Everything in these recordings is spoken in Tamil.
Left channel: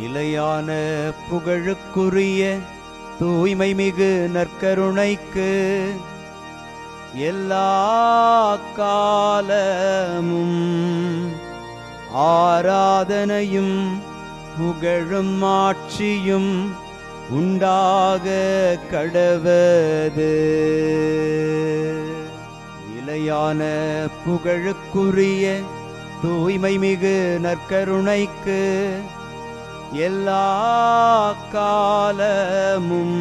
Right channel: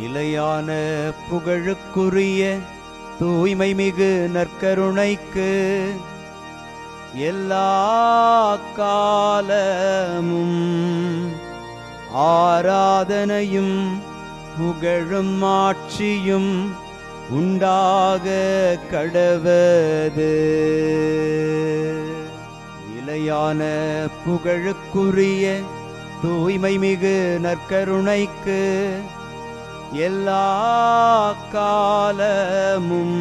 நிலையான புகழுக்குரிய தூய்மை மிகு நற்கருணைக்கு எல்லா காலமும் ஆராதனையும் புகழும் ஆட்சியும் உண்டாக கடவது. நிலையான புகழுக்குரிய தூய்மை மிகு நற்கருணைக்கு எல்லா காலமும்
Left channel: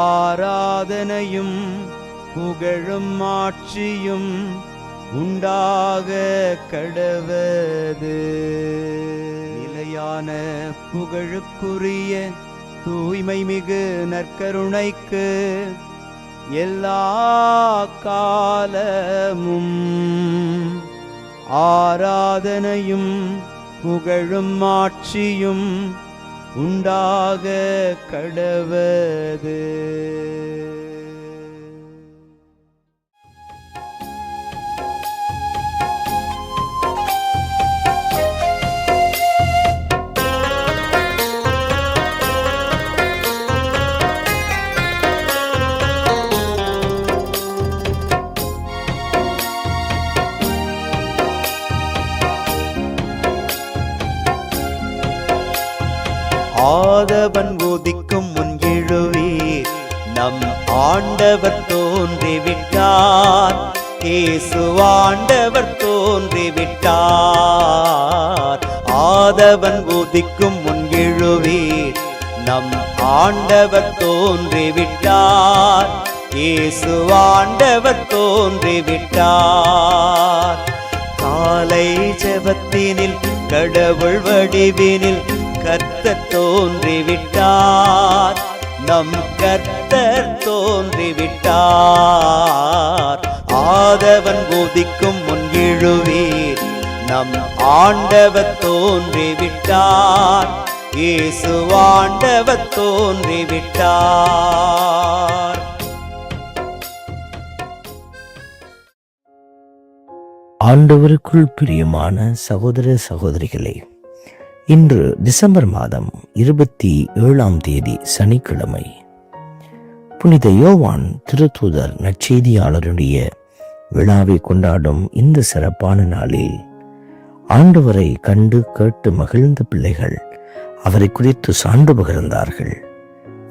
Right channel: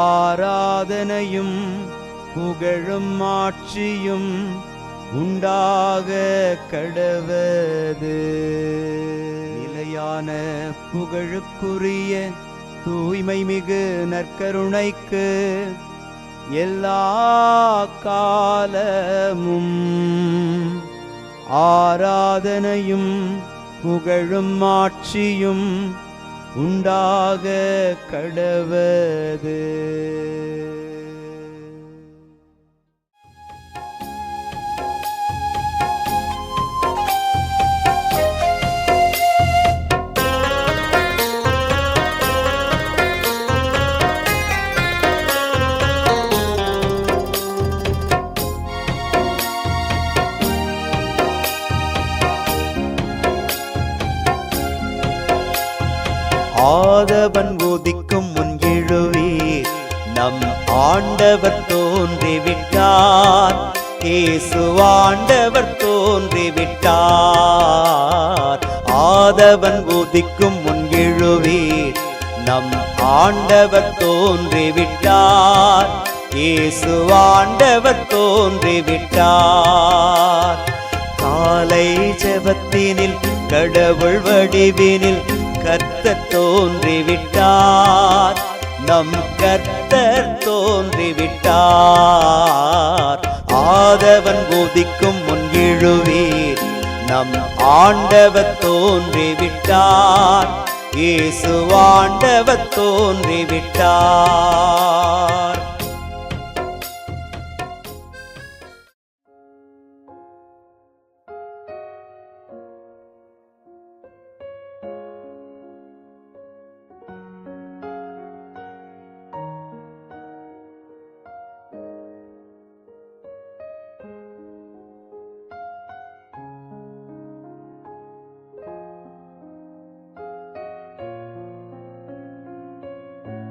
ஆராதனையும் புகழும் ஆட்சியும் உண்டாக கடவது. நிலையான புகழுக்குரிய தூய்மை மிகு நற்கருணைக்கு எல்லா காலமும் ஆராதனையும் புகழும் ஆட்சியும் உண்டாக கடவது. ஆதவன் உதிக்கும் முன் எழுவீர், நம் ஆண்டவர் தோன்றிவிட்டார். இயேசு ஆண்டவர் தோன்றிவிட்டார். ஆதவன் உதிக்கும் முன் எழுவீர், நம் ஆண்டவர் தோன்றிவிட்டார். இயேசு ஆண்டவர் தோன்றிவிட்டார். காலை ஜெபத்தினில் கடவுள் வடிவினில் கர்த்தர் தோன்றிவிட்டார். நம் கர்த்தர் தோன்றிவிட்டார். ஆதவன் உதிக்கும் முன் எழுவீர், நம் ஆண்டவர் தோன்றிவிட்டார். இயேசு ஆண்டவர் தோன்றிவிட்டார். ஆண்டவருக்குள் பிரியமான சகோதர சகோதரிகளே, இன்று டிசம்பர் மாதம் 27 சனிக்கிழமை. புனித யோவான் திருத்தூதர் நற்செய்தியாளருடைய விழாவை கொண்டாடும் இந்த சிறப்பான நாளில் ஆண்டவரை கண்டு கேட்டு மகிழ்ந்த பிள்ளைகள் அவரை குறித்து சான்று பகிர்ந்தார்கள்.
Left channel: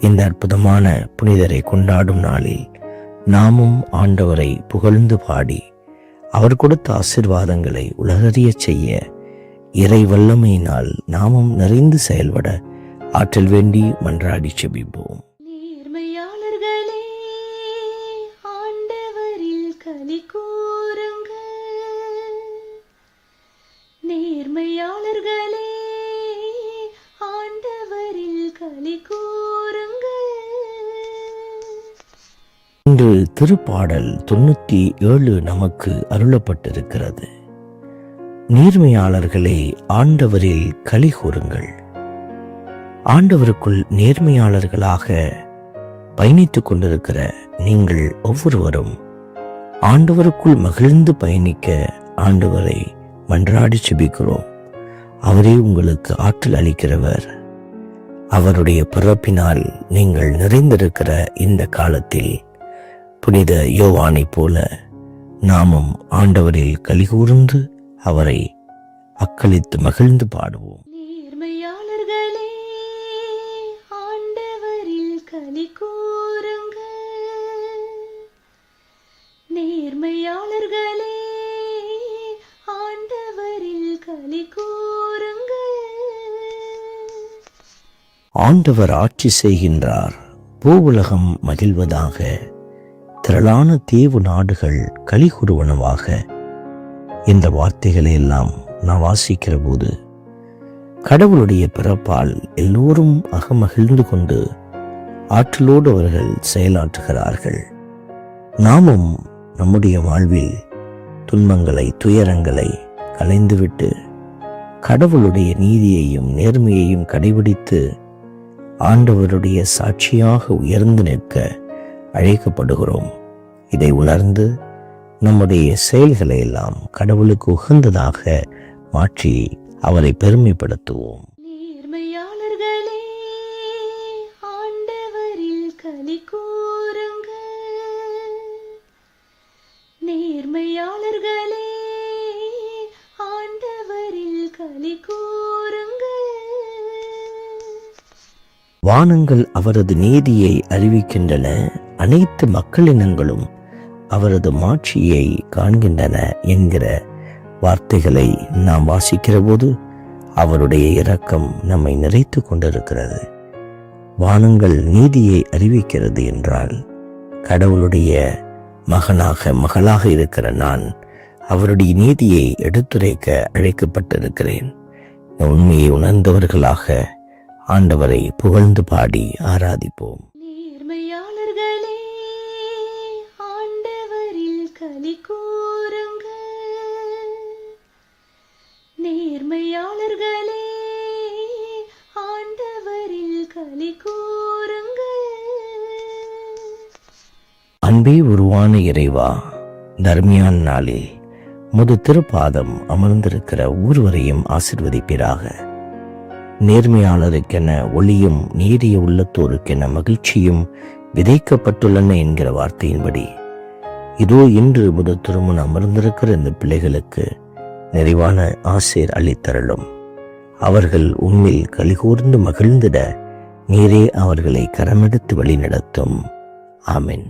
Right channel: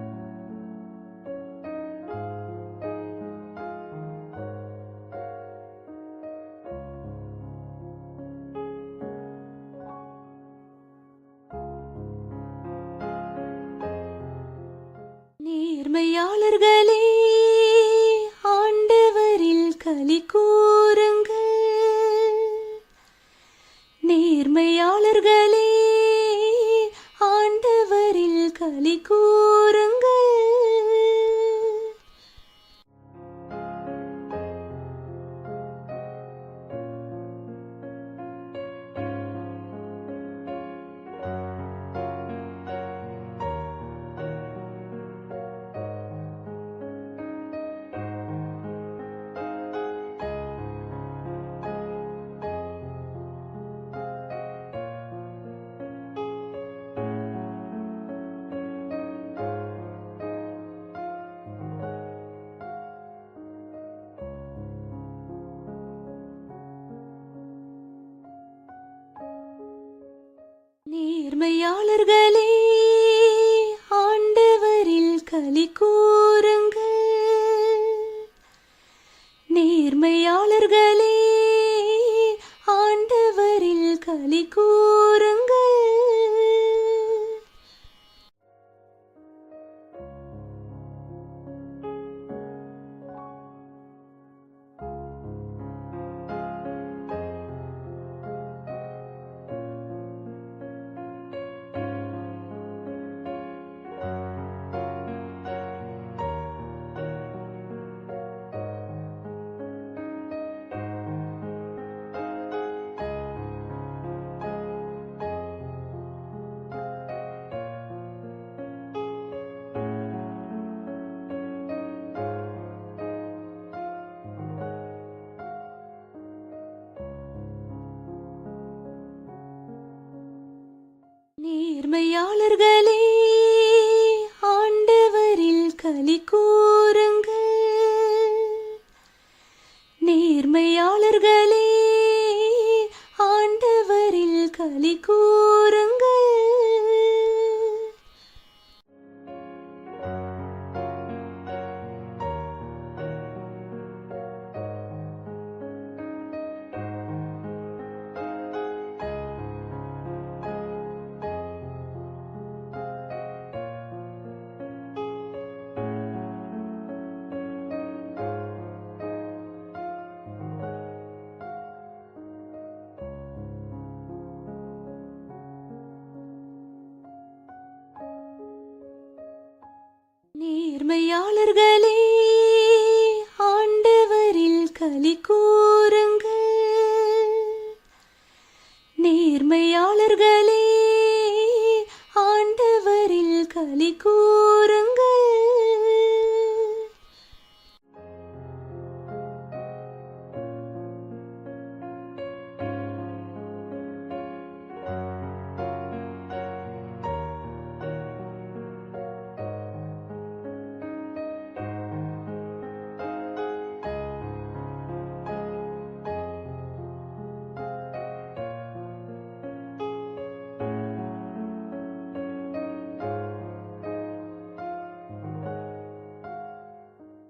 இந்த அற்புதமான புனிதரை கொண்டாடும் நாளில் நாமும் ஆண்டவரை புகழ்ந்து பாடி அவர் கொடுத்த ஆசீர்வாதங்களை உலகறிய செய்ய இறை வல்லமையினால் நாமும் நிறைந்து செயல்பட ஆற்றல் வேண்டி மன்றாடி செபிப்போம். நேர்மையாளர்களே, ஆண்டவரில் களி கூறுங்கள். நேர்மையாளர்களே, ஆண்டவரில் களி கூறுங்கள். இன்று திருப்பாடல் 97 நமக்கு அருளப்பட்டிருக்கிறது. நேர்மையாளர்களே, ஆண்டவரில் களி கூறுங்கள். ஆண்டவருக்குள் நேர்மையாளர்களாக பயணித்துக் கொண்டிருக்கிற நீங்கள் ஒவ்வொருவரும் ஆண்டவருக்குள் மகிழ்ந்து பயணிக்க ஆண்டவரை மன்றாடி செபிக்கிறோம். அவரே உங்களுக்கு ஆற்றல் அளிக்கிறவர். அவருடைய பிறப்பினால் நீங்கள் நிறைந்திருக்கிற இந்த காலத்தில் புனித யோவானை போல நாமும் ஆண்டவரில் களி கூர்ந்து அவரை அக்களித்து மகிழ்ந்து பாடுவோம். நேர்மையாளர்களே, ஆண்டவரில் களி கூறுங்கள். நேர்மையாளர்களே, ஆண்டவரில் களி கூறுங்கள். ஆண்டவர் ஆட்சி செய்கின்றார், பூவுலகம் மகிழ்வதாக, திரளான தீவு நாடுகள் களி கூறுவனவாக. இந்த வார்த்தைகளை எல்லாம் நான் வாசிக்கிற போது கடவுளுடைய பிறப்பால் எல்லோரும் அகமகிழ்ந்து கொண்டு ஆற்றலோடு அவர்கள் செயலாற்றுகிறார்கள். நாமும் நம்முடைய வாழ்வில் துன்பங்களை துயரங்களை களைந்துவிட்டு கடவுளுடைய நீதியையும் நேர்மையையும் கடைபிடித்து ஆண்டவருடைய சாட்சியாக உயர்ந்து நிற்க அழைக்கப்படுகிறோம். இதை உணர்ந்து நம்முடைய செயல்களை எல்லாம் கடவுளுக்கு உகந்ததாக மாற்றி அவரை பெருமைப்படுத்துவோம். களி கூறுங்கள். வானங்கள் அவரது நீதியை அறிவிக்கின்றன, அனைத்து மக்களினங்களும் அவரது மாட்சியை காண்கின்றன என்கிற வார்த்தைகளை நாம் வாசிக்கிற போது அவருடைய இரக்கம் நம்மை நிறைத்து கொண்டிருக்கிறது. வானங்கள் நீதியை அறிவிக்கிறது என்றால் கடவுளுடைய மகளாக இருக்கிற நான் அவருடைய நீதியை எடுத்துரைக்க அழைக்கப்பட்டிருக்கிறேன். இந்த உண்மையை உணர்ந்தவர்களாக ஆண்டவரை புகழ்ந்து பாடி ஆராதிப்போம். நேர்மையாளர்களே, ஆண்டவரில் களி கூறுங்கள். நேர்மையாளர்களே, ஆண்டவரில் களி கூறுங்கள். அன்பே உருவான இறைவா, தர்மியான நாளில் முது திருப்பாதம் அமர்ந்திருக்கிற ஒவ்வொருவரையும் ஆசிர்வதிப்பீராக. நேர்மையாளருக்கென ஒளியும் நீரிய உள்ளத்தோருக்கென மகிழ்ச்சியும் விதைக்கப்பட்டுள்ளன என்கிற வார்த்தையின்படி இதோ இன்று முது திருமணம் அமர்ந்திருக்கிற இந்த பிள்ளைகளுக்கு நிறைவான ஆசீர் அளித்தருளும். அவர்கள் உண்மையில் கலிகூர்ந்து மகிழ்ந்திட நீரே அவர்களை கரமெடுத்து வழிநடத்தும். ஆமென்.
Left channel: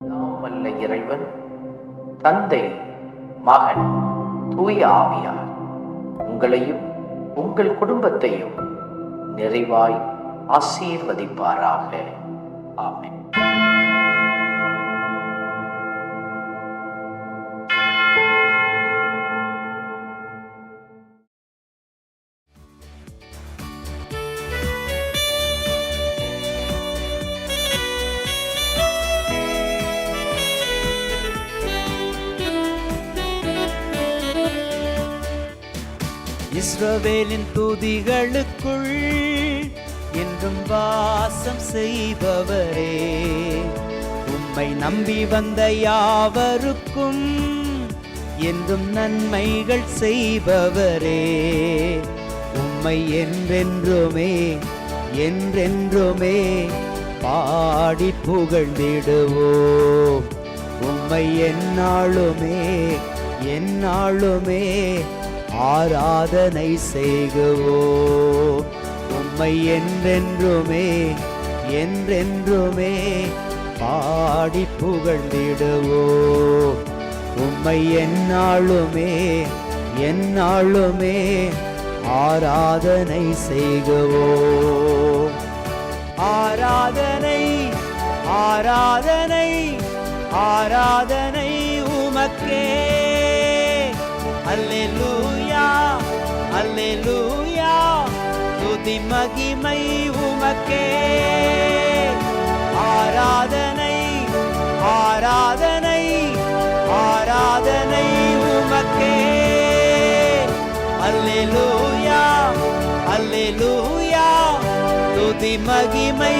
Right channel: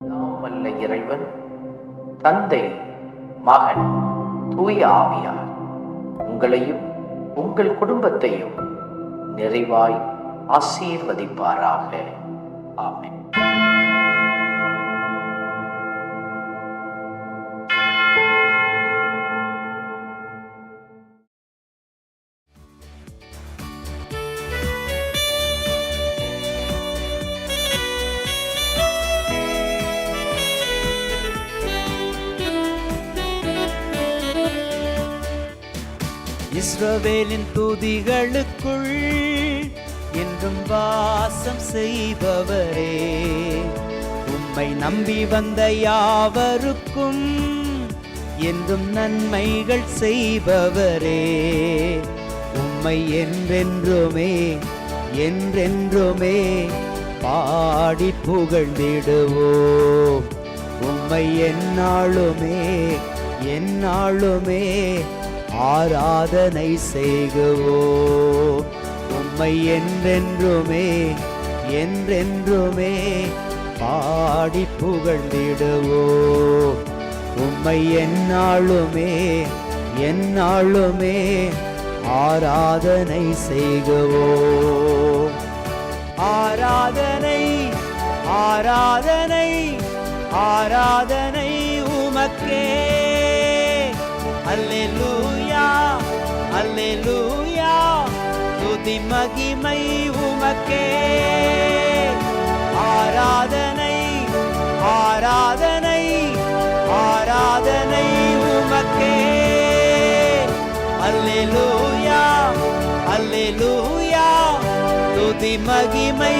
எல்லாம் வல்ல இறைவன் தந்தை, மகன், தூய ஆவியார் உங்களையும் உங்கள் குடும்பத்தையும் நிறைவாய் ஆசீர்வதிப்பாராக. ஆமென். இஸ்ரவேலின் துதிகளுக்குள் என்றும் வாசம் செய்பவரே, உம்மை நம்பி வந்த யாவருக்கும் என்றும் நன்மைகள் செய்பவரே, உம்மை என்றென்றுமே என்றென்றுமே பாடி புகழ்ந்திடுவோம். உம்மை எந்நாளுமே எந்நாளுமே ஆராதனை செய்குவோம். உம்மை என்றென்றுமே என்றென்றுமே பாடி புகழ்ந்திடுவோம். உம்மை எந்நாளுமே எந்நாளுமே ஆராதனை செய்குவோம். ஆராதனை ஆராதனை ஆராதனை உமக்கே. அல்லேலூயா அல்லேலூயா, துதி மகிமை உமக்கே. ஆராதனை ஆராதனை ஆராதனை உமக்கே. அல்லேலூயா அல்லேலூயா, துதி மகிமை